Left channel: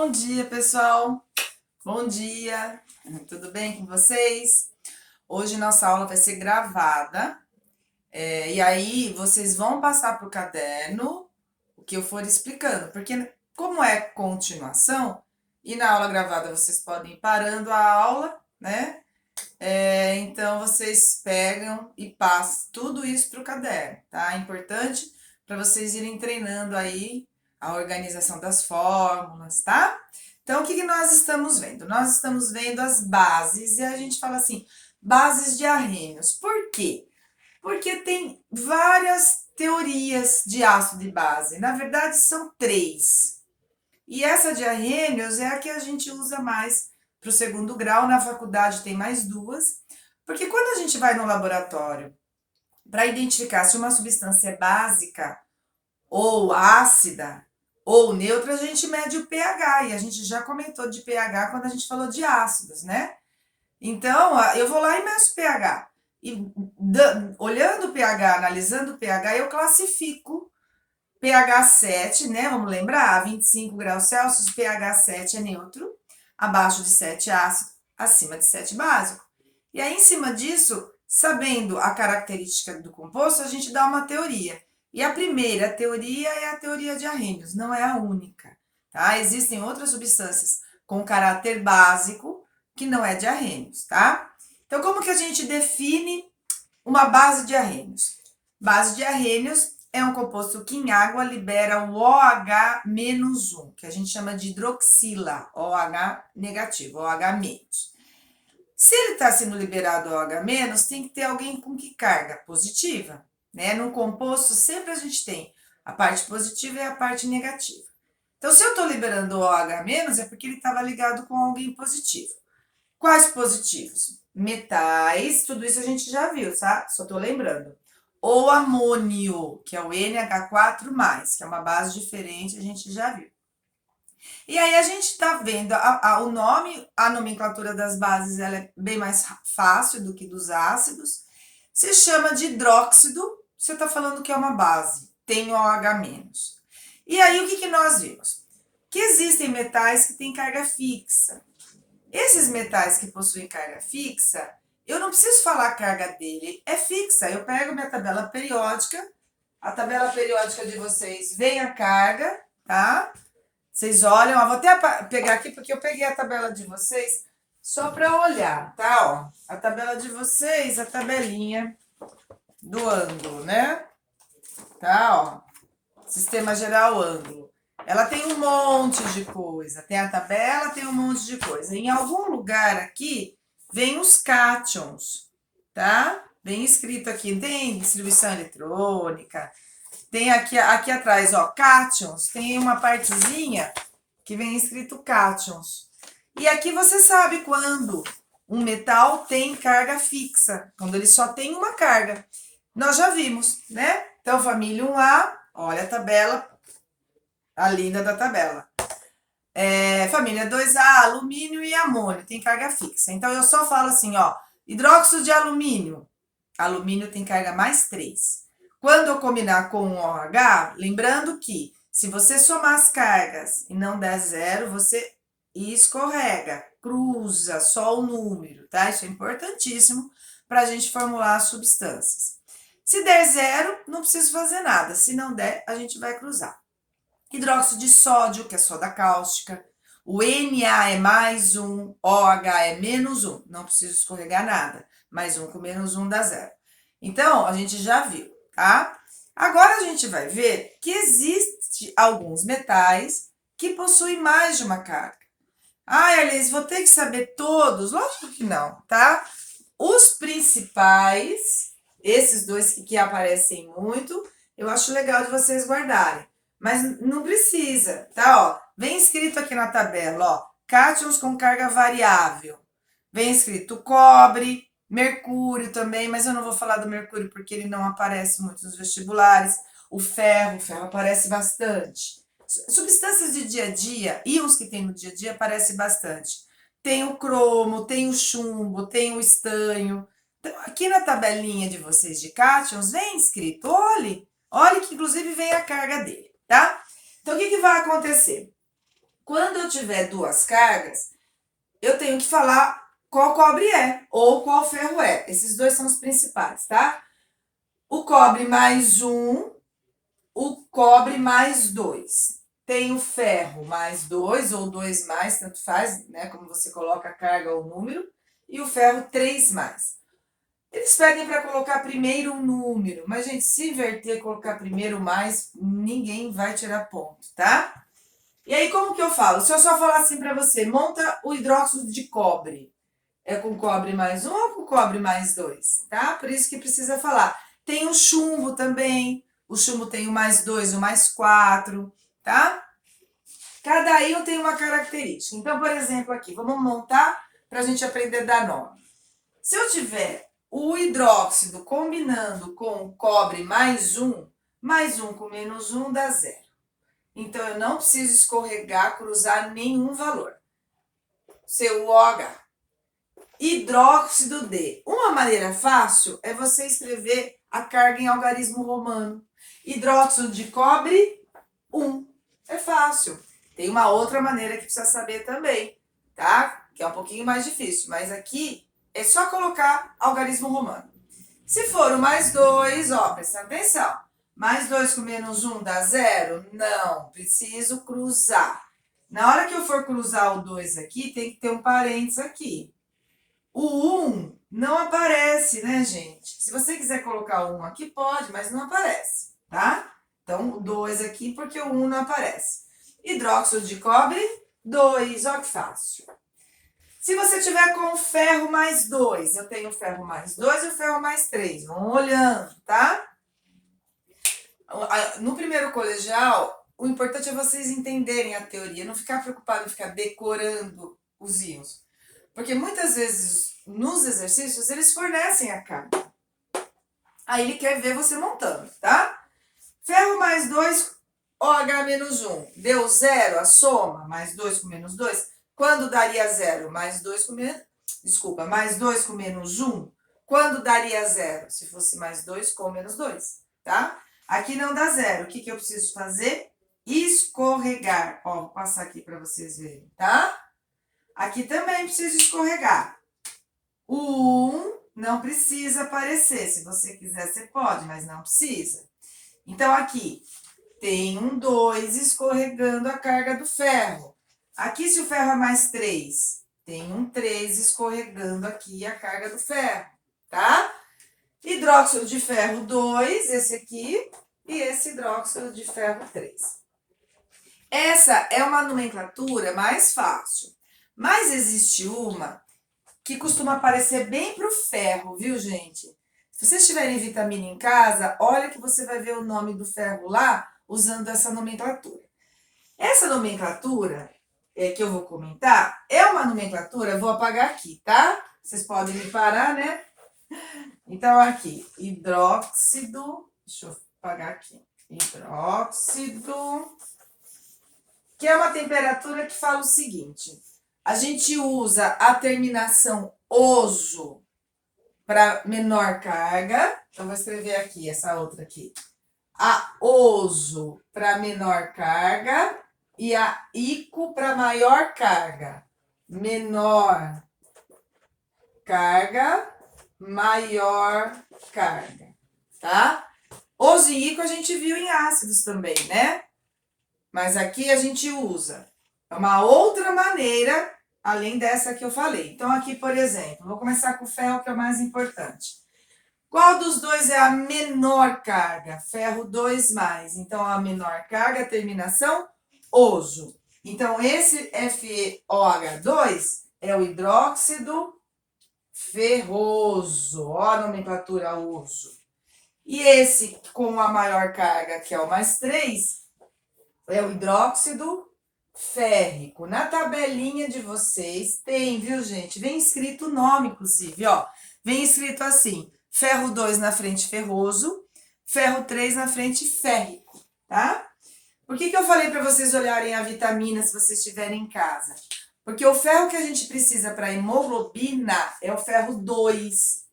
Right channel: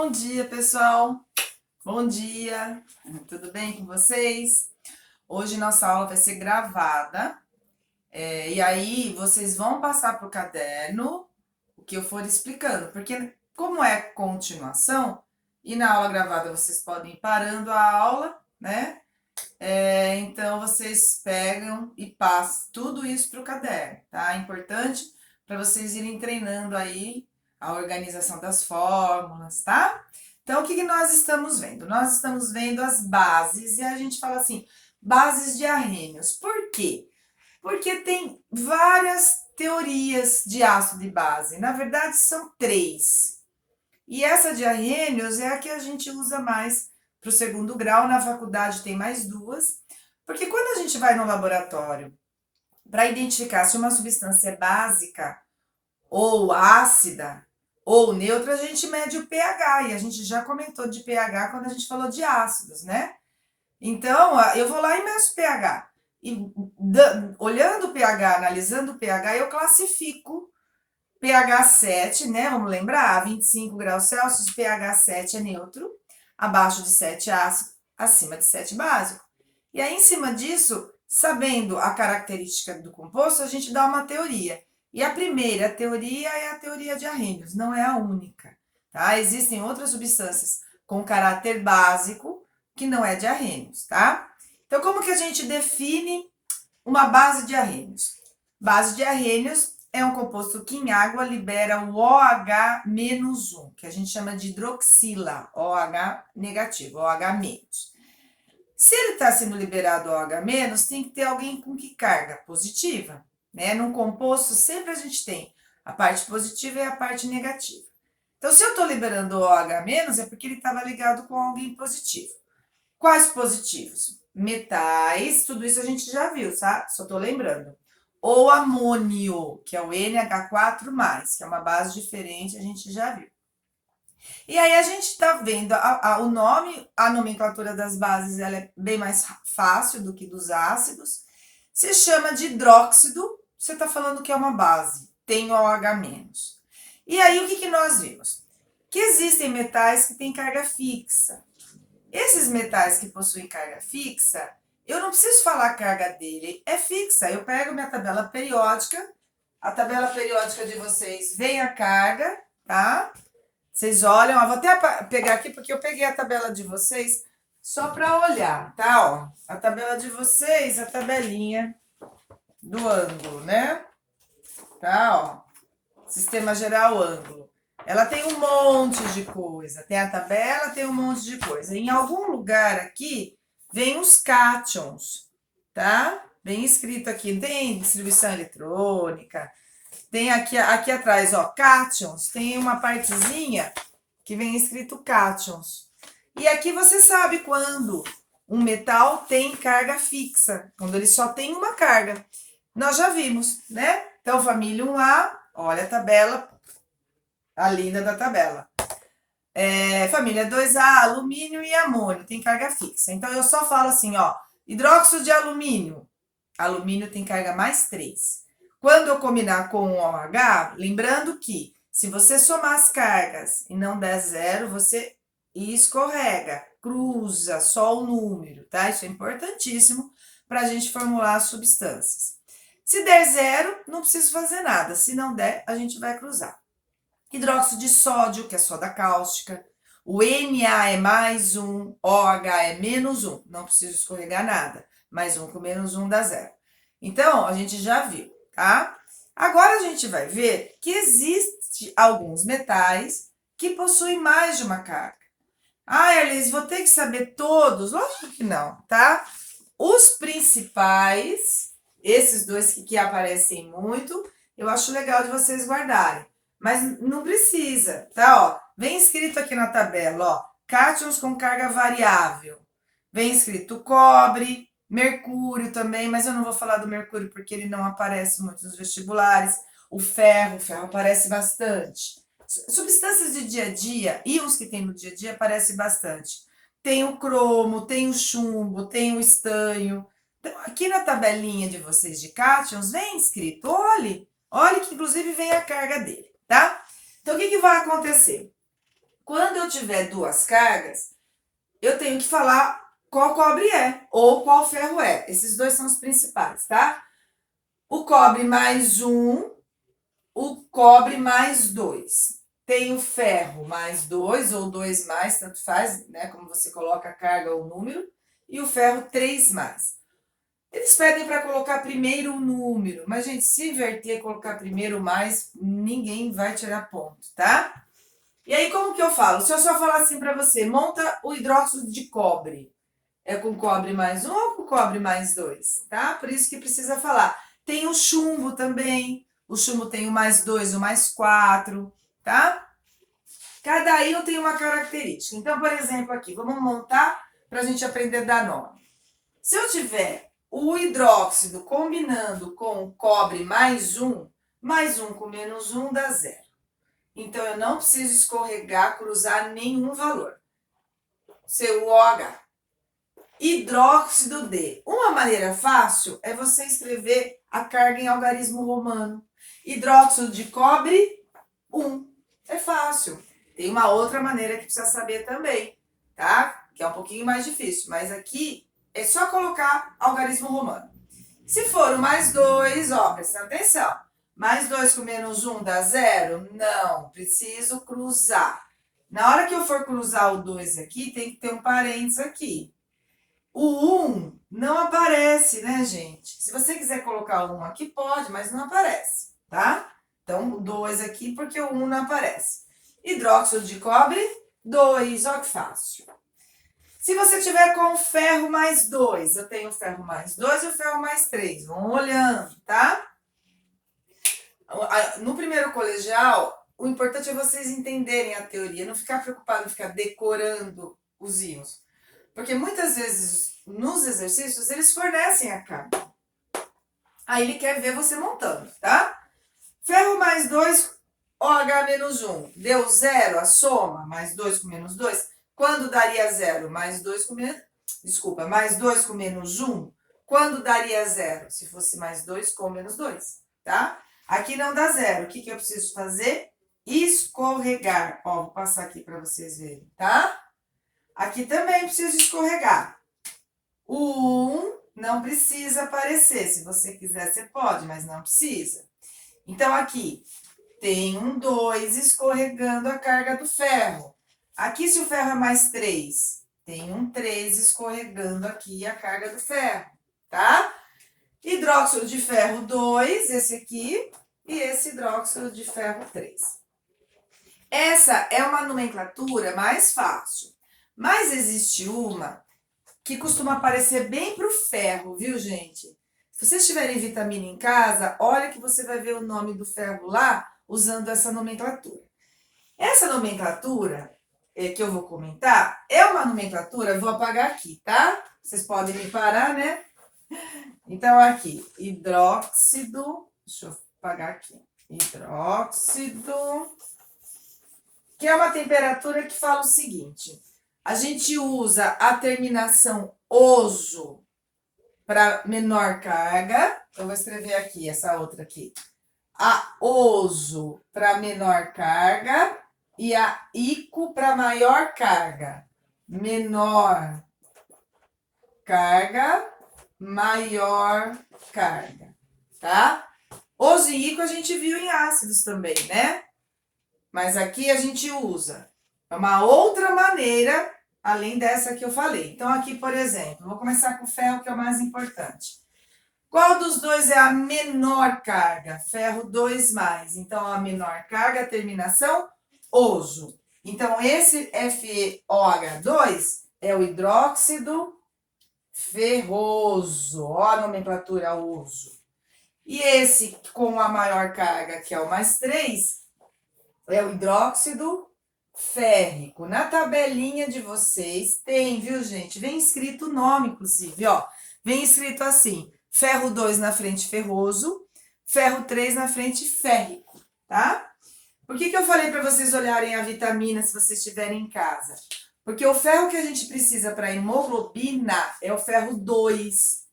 Bom dia, pessoal! Bom dia! Tudo bem com vocês? Hoje nossa aula vai ser gravada, e aí vocês vão passar para o caderno o que eu for explicando, porque como é continuação, e na aula gravada vocês podem ir parando a aula, né? Então vocês pegam e passam tudo isso para o caderno, tá? É importante para vocês irem treinando aí a organização das fórmulas, tá? Então, o que nós estamos vendo? Nós estamos vendo as bases, e a gente fala assim, bases de arrênios. Por quê? Porque tem várias teorias de ácido de base. Na verdade, são três. E essa de arrênios é a que a gente usa mais para o segundo grau. Na faculdade tem mais duas. Porque quando a gente vai no laboratório para identificar se uma substância é básica ou ácida ou neutra, a gente mede o pH, e a gente já comentou de pH quando a gente falou de ácidos, né? Então, eu vou lá e meço o pH. E olhando o pH, analisando o pH, eu classifico pH 7, né? Vamos lembrar, 25 graus Celsius, pH 7 é neutro, abaixo de 7 ácido, acima de 7 básico. E aí, em cima disso, sabendo a característica do composto, a gente dá uma teoria. E a primeira teoria é a teoria de Arrhenius, não é a única, tá? Existem outras substâncias com caráter básico que não é de Arrhenius, tá? Então, como que a gente define uma base de Arrhenius? Base de Arrhenius é um composto que em água libera o OH-1, que a gente chama de hidroxila, OH negativo, OH-. Se ele está sendo liberado OH-, tem que ter alguém com que carga positiva, né? Num composto, sempre a gente tem a parte positiva e a parte negativa. Então, se eu estou liberando OH-, é porque ele estava ligado com alguém positivo. Quais positivos? Metais, tudo isso a gente já viu, tá? Só estou lembrando. Ou amônio, que é o NH4+, que é uma base diferente, a gente já viu. E aí a gente está vendo o nome, a nomenclatura das bases, ela é bem mais fácil do que dos ácidos. Se chama de hidróxido, você está falando que é uma base, tem OH-. E aí o que nós vimos? Que existem metais que têm carga fixa. Esses metais que possuem carga fixa, eu não preciso falar a carga dele, é fixa. Eu pego minha tabela periódica, a tabela periódica de vocês vem a carga, tá? Vocês olham, vou até pegar aqui porque eu peguei a tabela de vocês só para olhar, tá? Ó, a tabela de vocês, a tabelinha do ângulo, né? Tá, ó. Sistema geral ângulo. Ela tem um monte de coisa. Tem a tabela, tem um monte de coisa. Em algum lugar aqui vem os cátions, tá? Bem escrito aqui. Tem distribuição eletrônica. Tem aqui atrás, ó, cátions. Tem uma partezinha que vem escrito cátions. E aqui você sabe quando um metal tem carga fixa, quando ele só tem uma carga. Nós já vimos, né? Então, família 1A, olha a tabela, a linda da tabela. Família 2A, alumínio e amônio, tem carga fixa. Então, eu só falo assim, ó, hidróxido de alumínio. Alumínio tem carga mais 3. Quando eu combinar com o OH, lembrando que se você somar as cargas e não der zero, você escorrega, cruza só o número, tá? Isso é importantíssimo para a gente formular as substâncias. Se der zero, não preciso fazer nada. Se não der, a gente vai cruzar. Hidróxido de sódio, que é soda cáustica. O Na é mais 1, OH é menos 1. Não preciso escorregar nada. Mais 1 com menos 1 dá zero. Então, a gente já viu, tá? Agora a gente vai ver que existe alguns metais que possuem mais de uma carga. Elis, vou ter que saber todos? Lógico que não, tá? Os principais, esses dois que aparecem muito, eu acho legal de vocês guardarem. Mas não precisa, tá? Ó, vem escrito aqui na tabela, ó, cátions com carga variável. Vem escrito cobre, mercúrio também, mas eu não vou falar do mercúrio porque ele não aparece muito nos vestibulares. O ferro aparece bastante. Substâncias de dia a dia, íons que tem no dia a dia, aparece bastante. Tem o cromo, tem o chumbo, tem o estanho. Então, aqui na tabelinha de vocês de cátions, vem escrito, olhe que inclusive vem a carga dele, tá? Então, o que vai acontecer? Quando eu tiver duas cargas, eu tenho que falar qual cobre é ou qual ferro é. Esses dois são os principais, tá? O cobre mais 1, o cobre mais 2. Tem o ferro mais 2 ou 2 mais, tanto faz, né? Como você coloca a carga ou o número. E o ferro 3 mais. Eles pedem para colocar primeiro o número, mas, gente, se inverter e colocar primeiro o mais, ninguém vai tirar ponto, tá? E aí, como que eu falo? Se eu só falar assim para você, monta o hidróxido de cobre. É com cobre mais 1 ou com cobre mais 2, tá? Por isso que precisa falar. Tem o chumbo também. O chumbo tem o mais 2, o mais 4, tá? Cada íon tem uma característica. Então, por exemplo, aqui, vamos montar para a gente aprender a dar nome. Se eu tiver o hidróxido combinando com o cobre mais 1 com menos 1 dá 0. Então, eu não preciso escorregar, cruzar nenhum valor. CuOH. Hidróxido de. Uma maneira fácil é você escrever a carga em algarismo romano. Hidróxido de cobre, 1. É fácil. Tem uma outra maneira que precisa saber também, tá? Que é um pouquinho mais difícil, mas aqui é só colocar algarismo romano. Se for o mais 2, ó, presta atenção. Mais 2 com menos 1 dá 0? Não, preciso cruzar. Na hora que eu for cruzar o 2 aqui, tem que ter um parênteses aqui. O 1 não aparece, né, gente? Se você quiser colocar o 1 aqui, pode, mas não aparece, tá? Então, o 2 aqui, porque o 1 não aparece. Hidróxido de cobre, 2, ó que fácil. Se você tiver com ferro mais 2, eu tenho o ferro mais 2 e o ferro mais 3. Vão olhando, tá? No primeiro colegial, o importante é vocês entenderem a teoria, não ficar preocupado em ficar decorando os íons. Porque muitas vezes, nos exercícios, eles fornecem a carga. Aí ele quer ver você montando, tá? Ferro mais 2, OH menos 1. Deu 0 a soma, mais 2 com menos 2. Quando daria 0? Mais 2 com menos... Desculpa, mais 2 com menos 1. Quando daria 0? Se fosse mais 2 com menos 2, tá? Aqui não dá 0. O que eu preciso fazer? Escorregar. Ó, vou passar aqui para vocês verem, tá? Aqui também precisa escorregar. O 1 não precisa aparecer. Se você quiser, você pode, mas não precisa. Então, aqui tem um 2 escorregando a carga do ferro. Aqui, se o ferro é mais 3, tem um 3 escorregando aqui a carga do ferro, tá? Hidróxido de ferro 2, esse aqui, e esse hidróxido de ferro 3. Essa é uma nomenclatura mais fácil. Mas existe uma que costuma aparecer bem para o ferro, viu, gente? Se vocês tiverem vitamina em casa, olha que você vai ver o nome do ferro lá usando essa nomenclatura. Essa nomenclatura que eu vou comentar é uma nomenclatura, vou apagar aqui, tá? Vocês podem me parar, né? Então, aqui, hidróxido, deixa eu apagar aqui, hidróxido, que é uma temperatura que fala o seguinte... A gente usa a terminação oso para menor carga. Eu vou escrever aqui, essa outra aqui. A oso para menor carga e a ico para maior carga. Menor carga, maior carga, tá? Oso e ico a gente viu em ácidos também, né? Mas aqui a gente usa uma outra maneira, além dessa que eu falei. Então, aqui, por exemplo, vou começar com o ferro, que é o mais importante. Qual dos dois é a menor carga? Ferro 2 mais. Então, a menor carga, terminação, oso. Então, esse FeOH2 é o hidróxido ferroso. Ó a nomenclatura oso. E esse com a maior carga, que é o mais 3, é o hidróxido férrico. Na tabelinha de vocês tem, viu, gente? Vem escrito o nome, inclusive, ó. Vem escrito assim, ferro 2 na frente ferroso, ferro 3 na frente férrico, tá? Por que eu falei para vocês olharem a vitamina se vocês estiverem em casa? Porque o ferro que a gente precisa para hemoglobina é o ferro 2.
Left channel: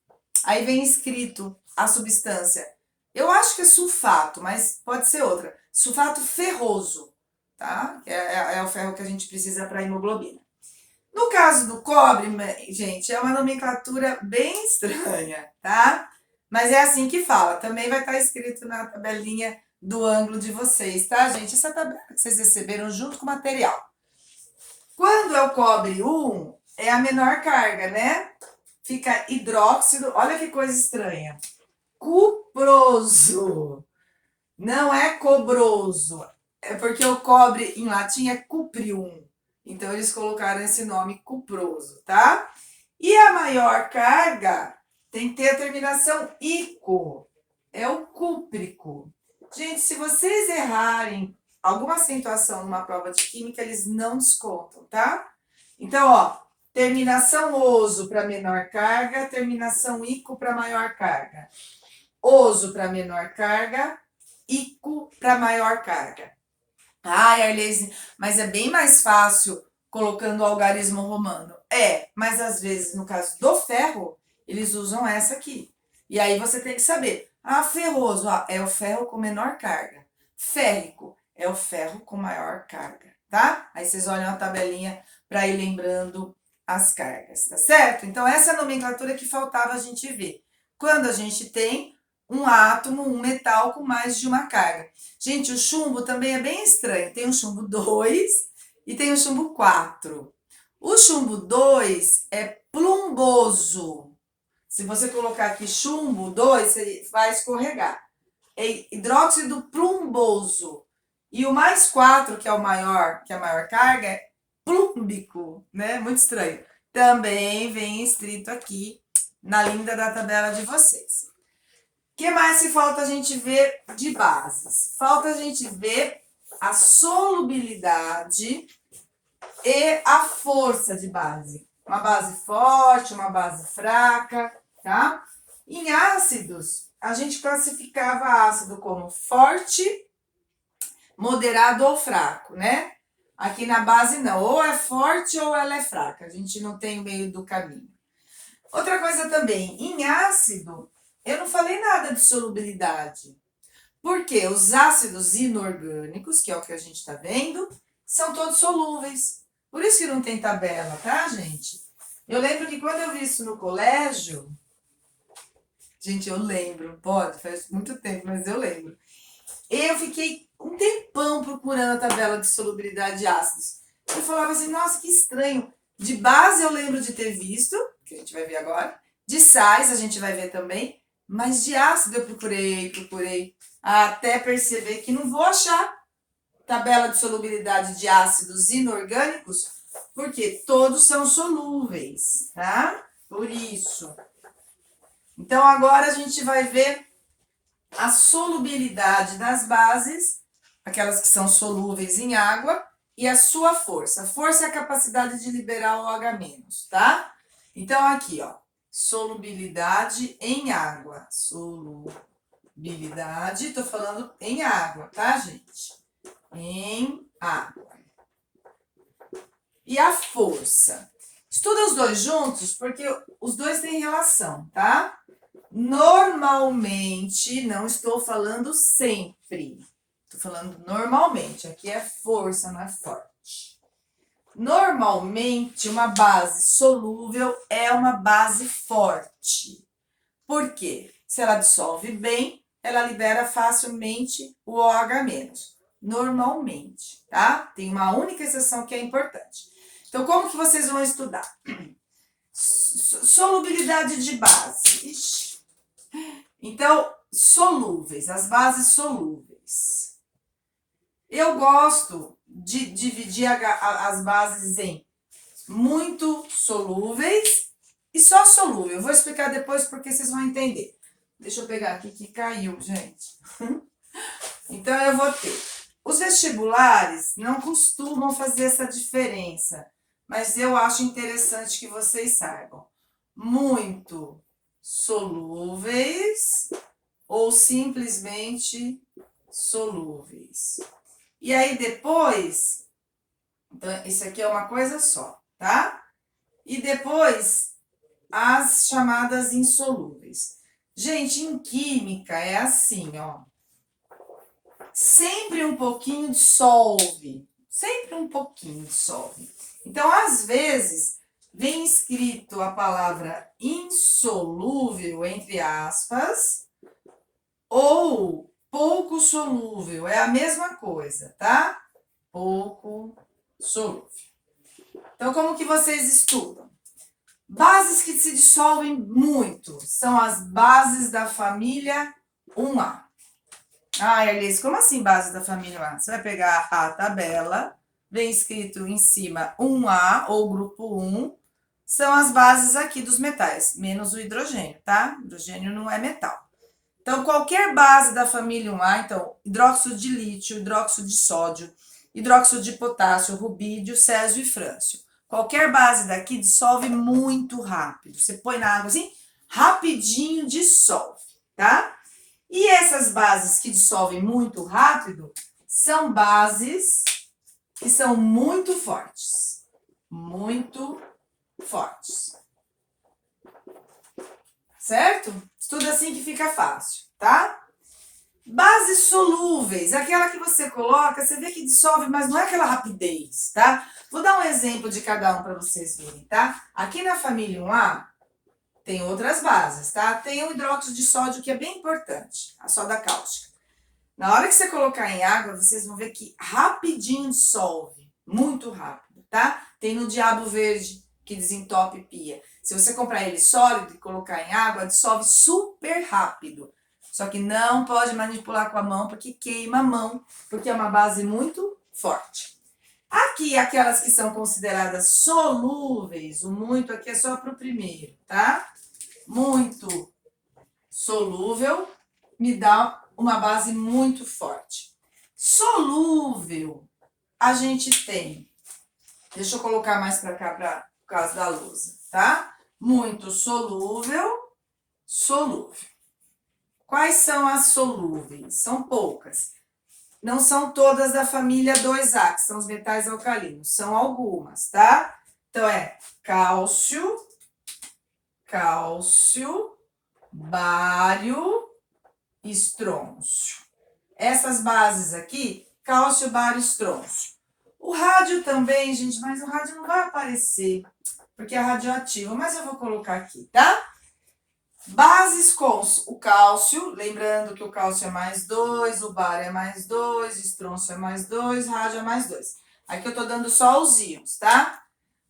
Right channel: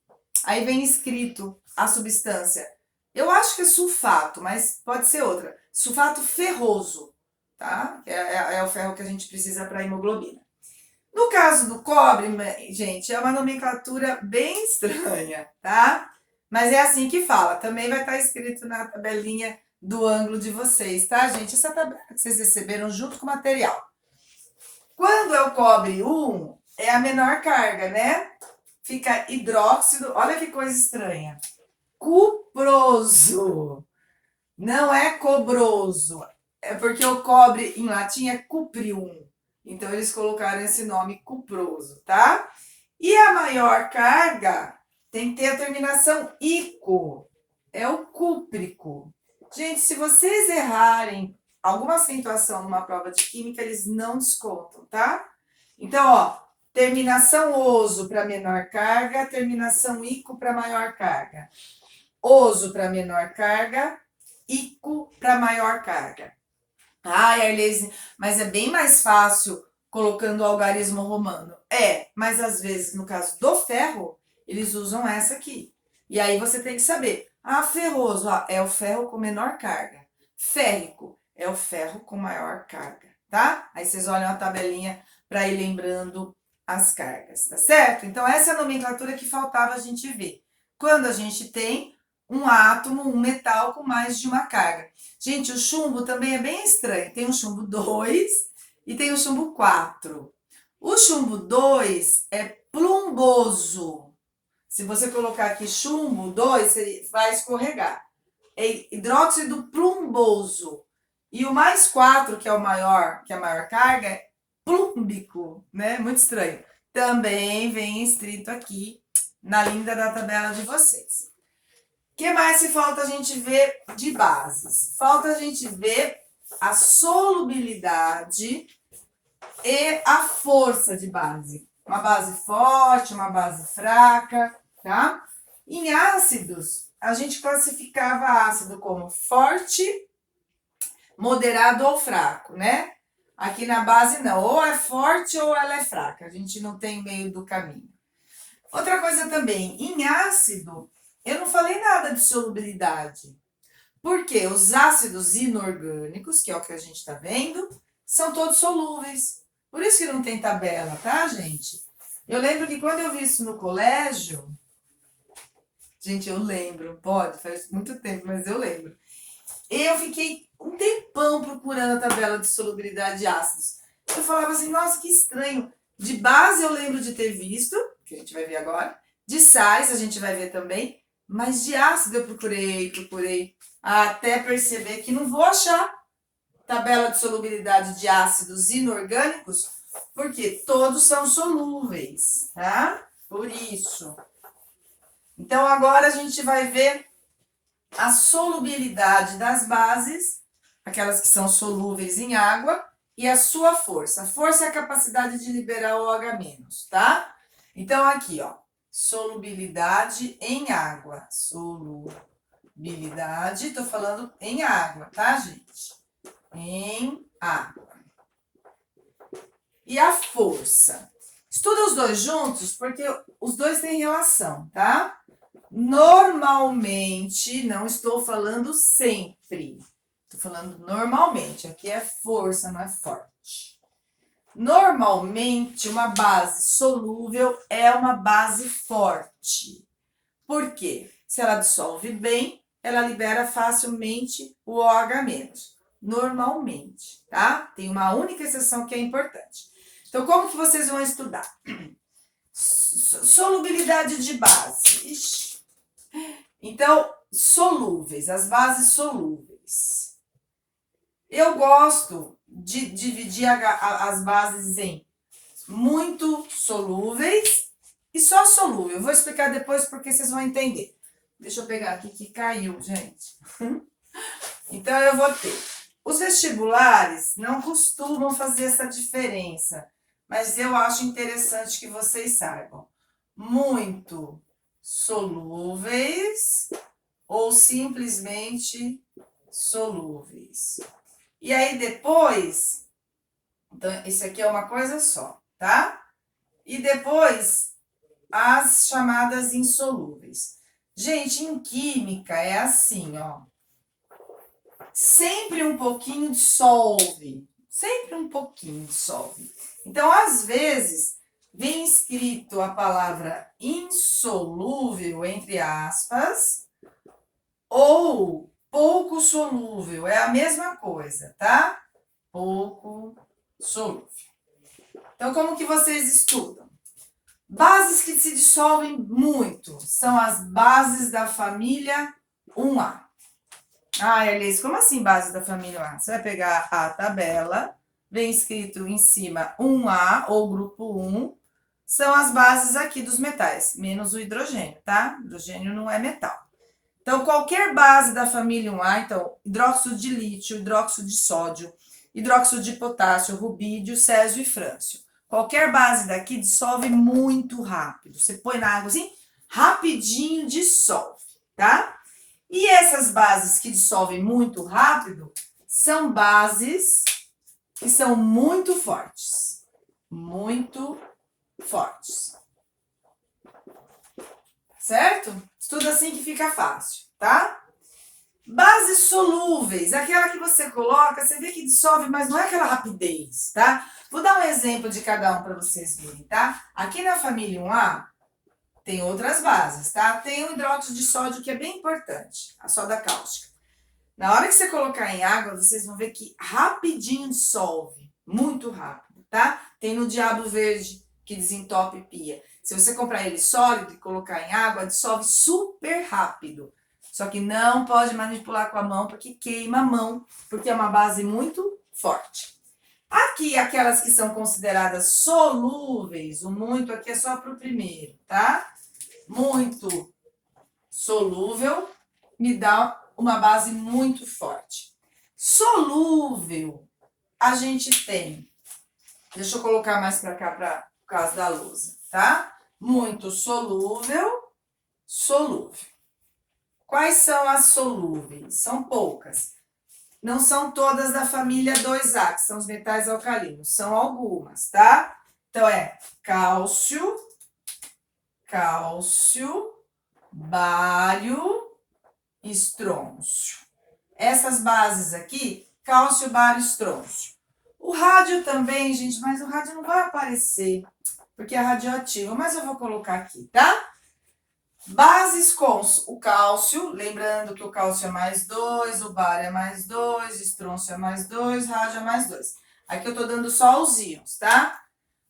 Aí vem escrito a substância. Eu acho que é sulfato, mas pode ser outra. Sulfato ferroso. tá? É o ferro que a gente precisa para hemoglobina. No caso do cobre, gente, é uma nomenclatura bem estranha, tá? Mas é assim que fala. Também vai estar escrito na tabelinha do ângulo de vocês, tá, gente? Essa tabela que vocês receberam junto com o material. Quando é o cobre 1, é a menor carga, né? Fica hidróxido, olha que coisa estranha. Cuproso. Não é cobroso. É porque o cobre em latim é cuprium. Então eles colocaram esse nome cuproso, tá? E a maior carga tem que ter a terminação ico. É o cúprico. Gente, se vocês errarem alguma acentuação numa prova de química, eles não descontam, tá? Então, ó, terminação oso para menor carga, terminação ico para maior carga. Oso para menor carga, ico para maior carga. Ai, Arlese, mas é bem mais fácil colocando o algarismo romano. É, mas às vezes, no caso do ferro, eles usam essa aqui. E aí você tem que saber. Ah, ferroso, é o ferro com menor carga. Férrico é o ferro com maior carga, tá? Aí vocês olham a tabelinha para ir lembrando as cargas, tá certo? Então, essa é a nomenclatura que faltava a gente ver. Quando a gente tem um átomo, um metal com mais de uma carga. Gente, o chumbo também é bem estranho. Tem o chumbo 2 e tem o chumbo 4. O chumbo 2 é plumboso. Se você colocar aqui chumbo 2, você vai escorregar. É hidróxido plumboso. E o mais 4, que é o maior, que é a maior carga, é plúmbico, né? Muito estranho. Também vem escrito aqui na linda da tabela de vocês. O que mais se falta a gente ver de bases? Falta a gente ver a solubilidade e a força de base. Uma base forte, uma base fraca, tá? Em ácidos, a gente classificava ácido como forte, moderado ou fraco, né? Aqui na base não, ou é forte ou ela é fraca, a gente não tem o meio do caminho. Outra coisa também, em ácido, eu não falei nada de solubilidade. Porque os ácidos inorgânicos, que é o que a gente está vendo, são todos solúveis. Por isso que não tem tabela, tá, gente? Eu lembro que quando eu vi isso no colégio, gente, eu lembro, pode, faz muito tempo, mas eu lembro. Eu fiquei um tempão procurando a tabela de solubilidade de ácidos. Eu falava assim, nossa, que estranho. De base eu lembro de ter visto, que a gente vai ver agora. De sais a gente vai ver também. Mas de ácido eu procurei, até perceber que não vou achar tabela de solubilidade de ácidos inorgânicos, porque todos são solúveis, tá? Por isso. Então agora a gente vai ver a solubilidade das bases, aquelas que são solúveis em água, e a sua força. A força é a capacidade de liberar o OH-, tá? Então, aqui, ó, solubilidade em água. Solubilidade, tô falando em água, tá, gente? Em água. E a força. Estuda os dois juntos, porque os dois têm relação, tá? Normalmente, não estou falando sempre. Estou falando normalmente. Aqui é força, não é forte. Normalmente, uma base solúvel é uma base forte. Por quê? Se ela dissolve bem, ela libera facilmente o OH-. Normalmente, tá? Tem uma única exceção que é importante. Então, como que vocês vão estudar? Solubilidade de base. Ixi. Então, solúveis, as bases solúveis. Eu gosto de dividir as bases em muito solúveis e só solúvel. Eu vou explicar depois porque vocês vão entender. Deixa eu pegar aqui que caiu, gente. Então, eu vou ter. Os vestibulares não costumam fazer essa diferença, mas eu acho interessante que vocês saibam. Muito solúveis ou simplesmente solúveis. E aí depois, então isso aqui é uma coisa só, tá? E depois as chamadas insolúveis. Gente, em química é assim, ó. sempre um pouquinho dissolve. Sempre um pouquinho dissolve. Então, às vezes, vem escrito a palavra insolúvel, entre aspas, ou pouco solúvel. É a mesma coisa, tá? Pouco solúvel. Então, como que vocês estudam? Bases que se dissolvem muito são as bases da família 1A. Ah, Elis, como assim bases da família 1A? Você vai pegar a tabela, vem escrito em cima 1A ou grupo 1, são as bases aqui dos metais, menos o hidrogênio, tá? Hidrogênio não é metal. Então, qualquer base da família 1A, então, hidróxido de lítio, hidróxido de sódio, hidróxido de potássio, rubídio, césio e frâncio. Qualquer base daqui dissolve muito rápido. Você põe na água assim, rapidinho dissolve, tá? E essas bases que dissolvem muito rápido são bases que são muito fortes. Muito fortes. Certo? Estuda assim que fica fácil, tá? Bases solúveis, aquela que você coloca, você vê que dissolve, mas não é aquela rapidez, tá? Vou dar um exemplo de cada um para vocês verem, tá? Aqui na família 1A, tem outras bases, tá? Tem o hidróxido de sódio, que é bem importante, a soda cáustica. Na hora que você colocar em água, vocês vão ver que rapidinho dissolve, muito rápido, tá? Tem no diabo verde, que desentope pia. Se você comprar ele sólido e colocar em água, dissolve super rápido. Só que não pode manipular com a mão, porque queima a mão, porque é uma base muito forte. Aqui, aquelas que são consideradas solúveis, o muito aqui é só para o primeiro, tá? Muito solúvel me dá uma base muito forte. Solúvel, a gente tem. Deixa eu colocar mais para cá, por causa da lousa, tá? Muito solúvel, solúvel. Quais são as solúveis? São poucas. Não são todas da família 2A, que são os metais alcalinos. São algumas, tá? Então, é cálcio, bário, estrôncio. Essas bases aqui, cálcio, bário, estrôncio. O rádio também, gente, mas o rádio não vai aparecer, porque é radioativo, mas eu vou colocar aqui, tá? Bases com o cálcio, lembrando que o cálcio é mais 2, o bário é mais 2, estrôncio é mais 2, rádio é mais 2. Aqui eu tô dando só os íons, tá?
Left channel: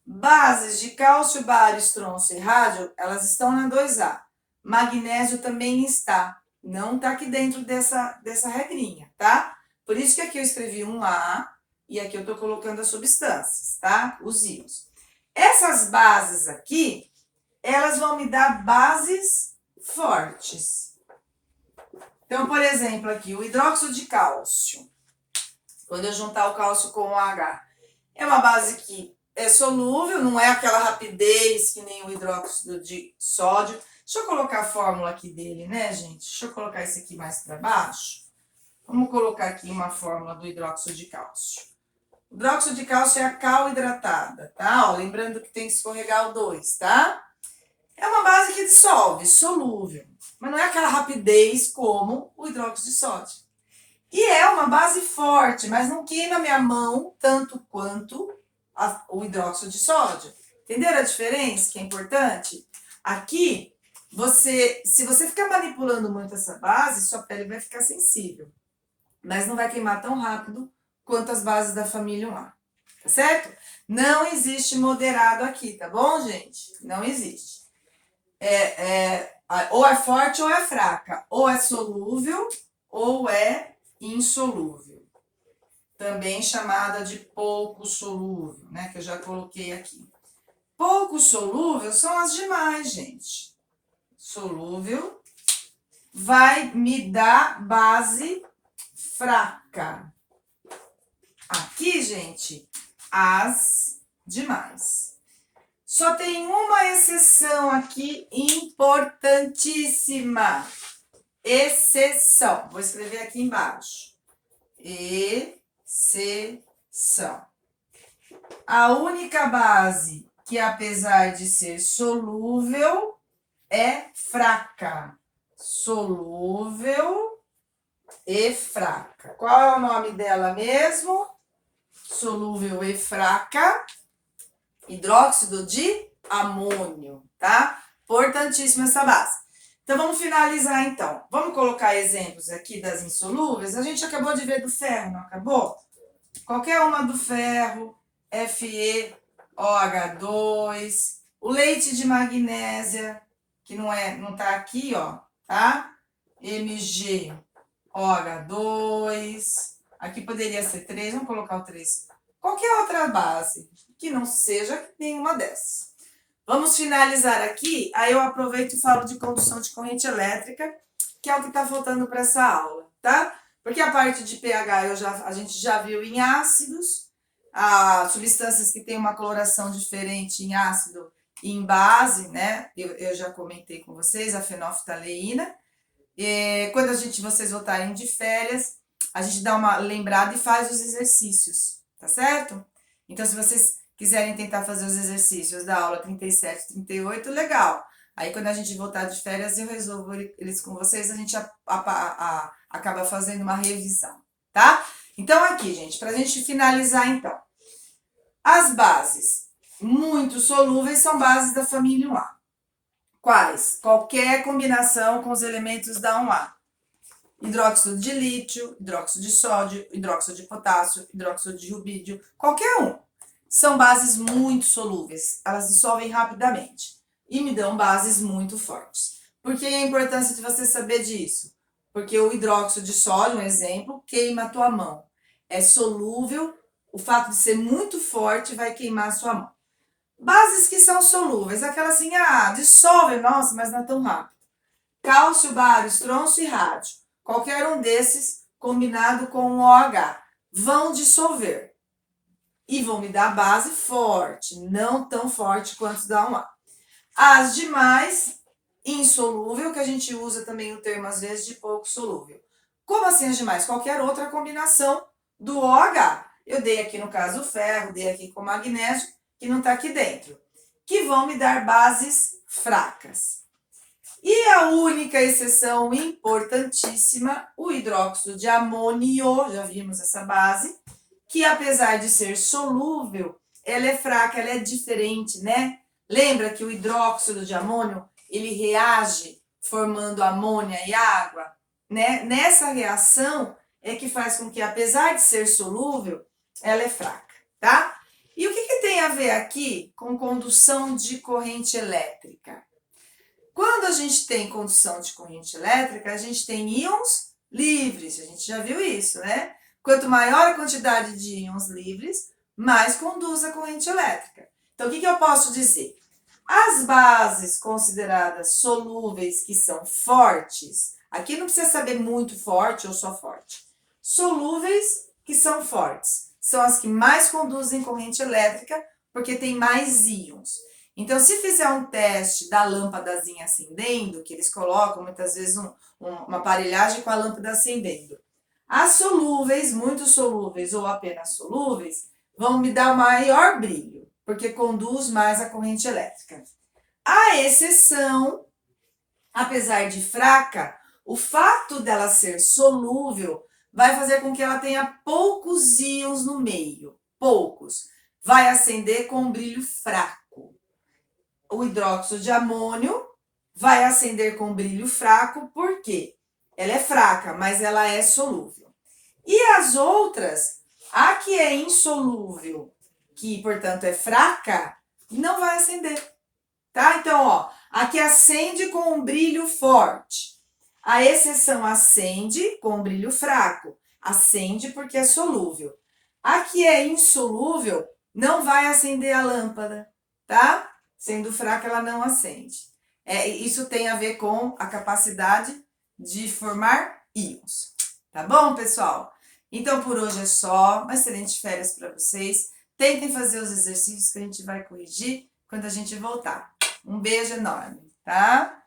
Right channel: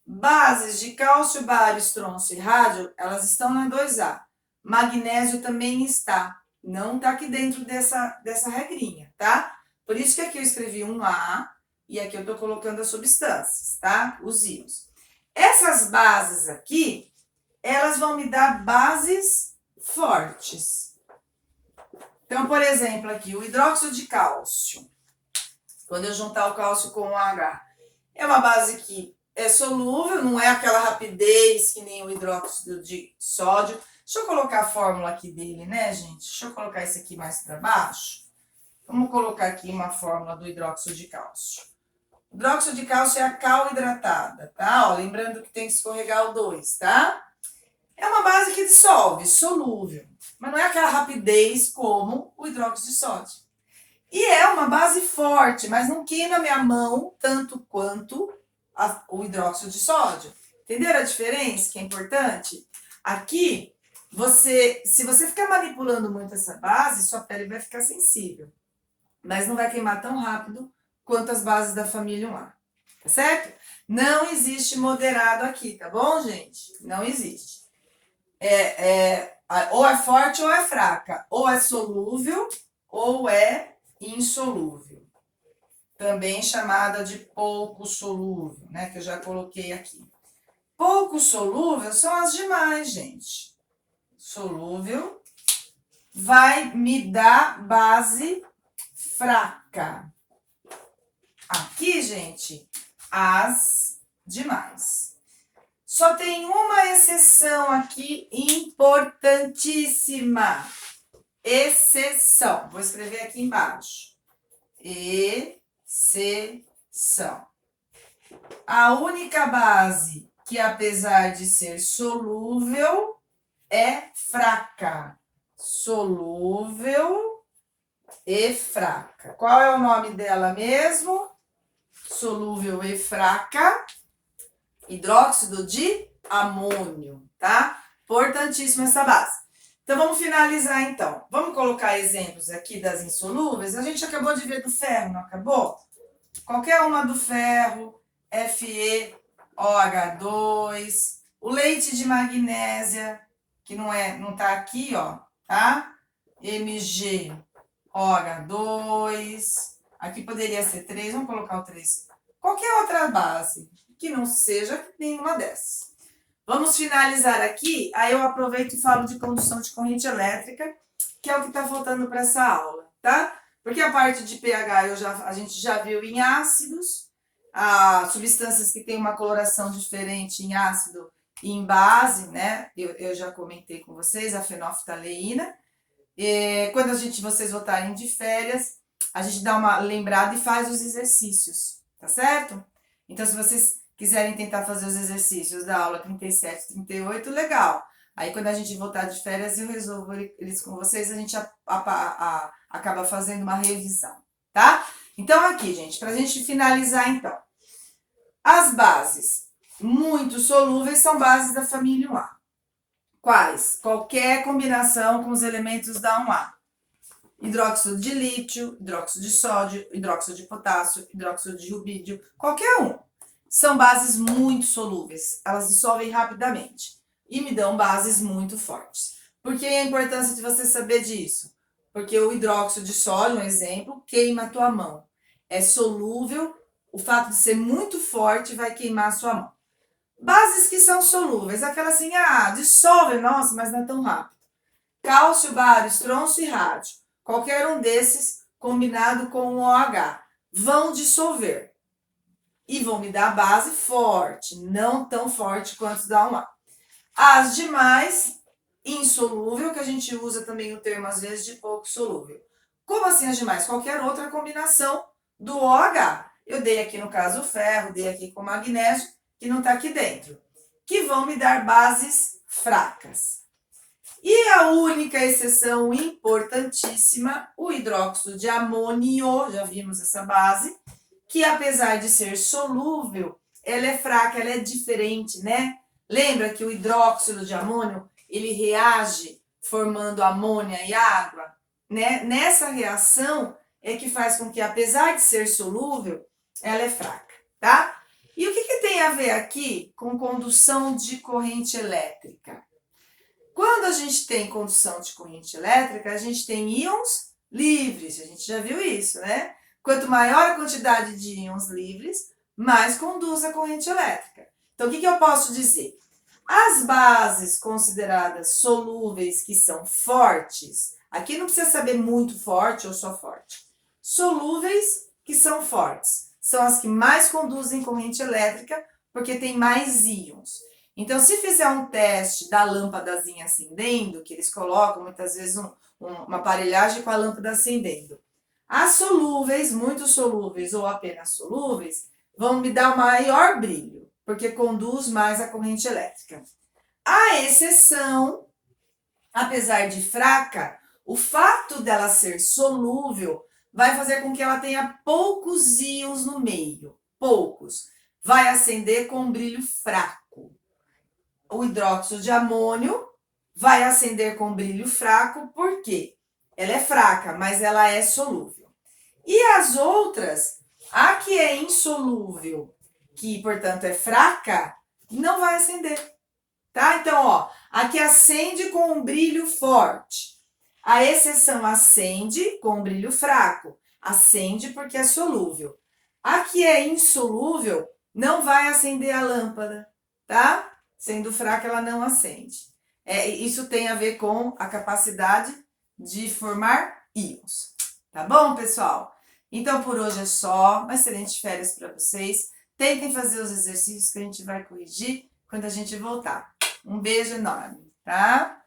Bases de cálcio, bário, estrôncio e rádio, elas estão na 2A. Magnésio também está. Não tá aqui dentro dessa regrinha, tá? Por isso que aqui eu escrevi 1A e aqui eu tô colocando as substâncias, tá? Os íons. Essas bases aqui, elas vão me dar bases fortes. Então, por exemplo, aqui, o hidróxido de cálcio. Quando eu juntar o cálcio com o H, é uma base que é solúvel, não é aquela rapidez que nem o hidróxido de sódio. Deixa eu colocar a fórmula aqui dele, né, gente? Deixa eu colocar esse aqui mais para baixo. Vamos colocar aqui uma fórmula do hidróxido de cálcio. O hidróxido de cálcio é a cal hidratada, tá? Ó, lembrando que tem que escorregar o 2, tá? É uma base que dissolve, solúvel, mas não é aquela rapidez como o hidróxido de sódio. E é uma base forte, mas não queima minha mão tanto quanto o hidróxido de sódio. Entenderam a diferença, que é importante? Aqui, se você ficar manipulando muito essa base, sua pele vai ficar sensível, mas não vai queimar tão rápido quanto as bases da família 1A, tá certo? Não existe moderado aqui, tá bom, gente? Não existe. Ou é forte ou é fraca, ou é solúvel ou é insolúvel. Também chamada de pouco solúvel, né? Que eu já coloquei aqui. Pouco solúvel são as demais, gente. Solúvel vai me dar base fraca. Aqui, gente, as demais. Só tem uma exceção aqui importantíssima. Exceção. Vou escrever aqui embaixo. Exceção. A única base que, apesar de ser solúvel, é fraca. Solúvel e fraca. Qual é o nome dela mesmo? Solúvel e fraca, hidróxido de amônio, tá? Importantíssima essa base. Então, vamos finalizar, então. Vamos colocar exemplos aqui das insolúveis. A gente acabou de ver do ferro, não acabou? Qualquer uma do ferro, FeOH2, o leite de magnésia, que não tá aqui, ó, tá? MgOH2. Aqui poderia ser 3, vamos colocar o 3. Qualquer outra base que não seja nenhuma dessas. Vamos finalizar aqui, aí eu aproveito e falo de condução de corrente elétrica, que é o que está faltando para essa aula, tá? Porque a parte de pH a gente já viu em ácidos, substâncias que têm uma coloração diferente em ácido e em base, né? Eu já comentei com vocês, a fenolftaleína. Quando vocês voltarem de férias, a gente dá uma lembrada e faz os exercícios, tá certo? Então, se vocês quiserem tentar fazer os exercícios da aula 37, 38, legal. Aí, quando a gente voltar de férias, eu resolvo eles com vocês, a gente acaba fazendo uma revisão, tá? Então, aqui, gente, pra gente finalizar, então. As bases muito solúveis são bases da família 1A. Quais? Qualquer combinação com os elementos da 1A. Hidróxido de lítio, hidróxido de sódio, hidróxido de potássio, hidróxido de rubídio, qualquer um. São bases muito solúveis, elas dissolvem rapidamente e me dão bases muito fortes. Por que a importância de você saber disso? Porque o hidróxido de sódio, um exemplo, queima a tua mão. É solúvel, o fato de ser muito forte vai queimar a sua mão. Bases que são solúveis, aquela assim, dissolve, nossa, mas não é tão rápido. Cálcio, bário, estronço e rádio. Qualquer um desses, combinado com o OH, vão dissolver. E vão me dar base forte, não tão forte quanto da 1A. As demais, insolúvel, que a gente usa também o termo às vezes de pouco solúvel. Como assim as demais? Qualquer outra combinação do OH. Eu dei aqui no caso o ferro, dei aqui com o magnésio, que não está aqui dentro. Que vão me dar bases fracas. E a única exceção importantíssima, o hidróxido de amônio, já vimos essa base, que apesar de ser solúvel, ela é fraca, ela é diferente, né? Lembra que o hidróxido de amônio, ele reage formando amônia e água, né? Nessa reação é que faz com que, apesar de ser solúvel, ela é fraca, tá? E o que tem a ver aqui com condução de corrente elétrica? Quando a gente tem condução de corrente elétrica, a gente tem íons livres, a gente já viu isso, né? Quanto maior a quantidade de íons livres, mais conduz a corrente elétrica. Então, o que eu posso dizer? As bases consideradas solúveis, que são fortes, aqui não precisa saber muito forte ou só forte. Solúveis, que são fortes, são as que mais conduzem corrente elétrica, porque tem mais íons. Então, se fizer um teste da lâmpadazinha acendendo, que eles colocam muitas vezes uma aparelhagem com a lâmpada acendendo, as solúveis, muito solúveis ou apenas solúveis, vão me dar o maior brilho, porque conduz mais a corrente elétrica. A exceção, apesar de fraca, o fato dela ser solúvel vai fazer com que ela tenha poucos íons no meio, poucos. Vai acender com um brilho fraco. O hidróxido de amônio vai acender com brilho fraco, por quê? Ela é fraca, mas ela é solúvel. E as outras, a que é insolúvel, que portanto é fraca, não vai acender, tá? Então, ó, a que acende com um brilho forte. A exceção acende com um brilho fraco. Acende porque é solúvel. A que é insolúvel não vai acender a lâmpada, tá? Sendo fraca, ela não acende. Isso tem a ver com a capacidade de formar íons. Tá bom, pessoal? Então, por hoje é só. Uma excelente férias para vocês. Tentem fazer os exercícios que a gente vai corrigir quando a gente voltar. Um beijo enorme, tá?